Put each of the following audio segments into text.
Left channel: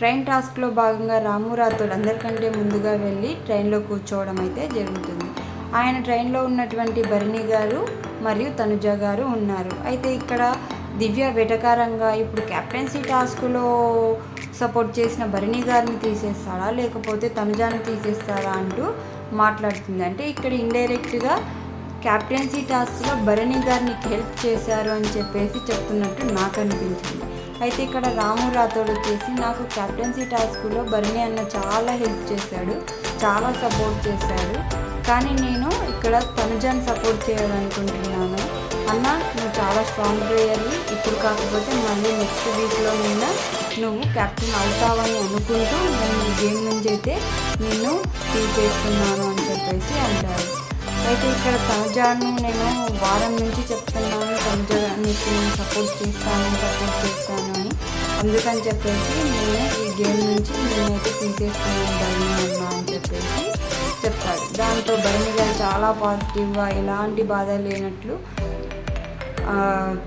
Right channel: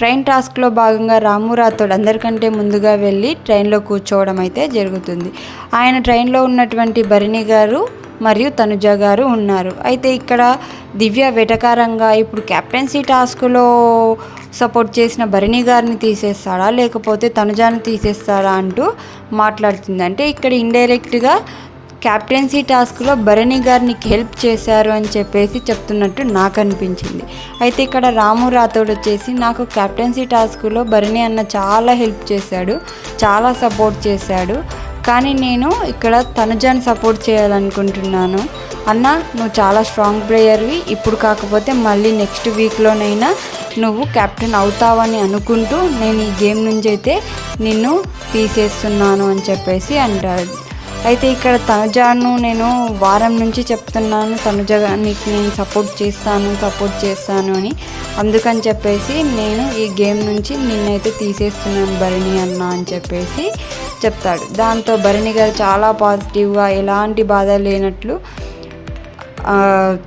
Train టాస్క్లో భాగంగా రాము రాథోడ్ అందరికంటే ముందుగా వెళ్ళి ట్రైన్లో కూర్చోవడం అయితే జరుగుతుంది. ఆయన ట్రైన్లో ఉన్నటువంటి భరణి గారు మరియు తనుజ గారు ఉన్నారు. అయితే ఇక్కడ దివ్య వెటకారంగా ఇప్పుడు కెప్టెన్సీ టాస్క్లో సపోర్ట్ చేసిన భరణి గారిని తీసేస్తాడా లేకపోతే తనుజాను తీసేస్తాడా అంటూ మాట్లాడుతుంది. అంటే ఇక్కడ ఇండైరెక్ట్గా క్యాప్టెన్సీ టాస్క్లో భరణి గారిని హెల్ప్ చేశారు అని చెప్పేసి చెప్తున్నట్టు నాకు అనిపించింది. అయితే ఇక్కడ రాము రాథోడ్ వచ్చేసి నాకు క్యాప్టెన్సీ టాస్క్లో భరణి అన్న చాలా హెల్ప్ చేశాడు, చాలా సపోర్ట్ చేశాడు, కానీ నేను ఇక్కడ తనుజాని సపోర్ట్ చేయాలనుకుంటున్నాను అన్న. నువ్వు చాలా స్ట్రాంగ్ ప్లేయర్వి, ఇప్పుడు కాకపోతే మళ్ళీ నెక్స్ట్ వీక్లోనైనా నువ్వు కెప్టెన్ అవుతావని అనుకుంటూ నేను ఈ గేమ్ నుంచి అయితే నిన్ను తీసేస్తున్నాను అని చెప్పేసి అంటాడు. అయితే ఇక్కడ తనుజాను నేను వారం నుంచి చెప్తున్నాను, తనుజ నీకు నేను సపోర్ట్ చేస్తాను అని, అందుకని చెప్పేసి నేను ఈ గేమ్ నుంచి నిన్నైతే తీసేస్తున్నాను భరణి అన్న అని చెప్పేసి చెప్తాడు. దాంతో భరణి గారు చాలా పాజిటివ్గా ఎలాంటి బాధ లేనట్లు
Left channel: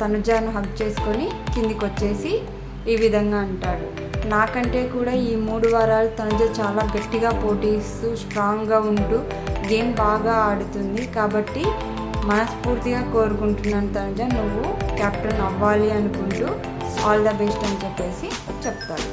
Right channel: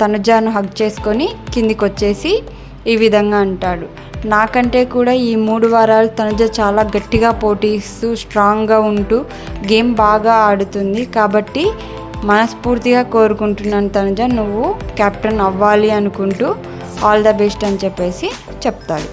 తనుజాను హగ్ చేసుకొని కిందికి వచ్చేసి ఈ విధంగా అంటాడు, నాకంటే కూడా ఈ 3 వారాలు తనుజ చాలా గట్టిగా పోటీస్తూ స్ట్రాంగ్గా ఉంటూ గేమ్ బాగా ఆడుతుంది, కాబట్టి మనస్ఫూర్తిగా కోరుకుంటున్నాను తనుజ నువ్వు కెప్టెన్ అవ్వాలి అనుకుంటూ ఆల్ ద బెస్ట్ అని చెప్పేసి చెప్తాడు.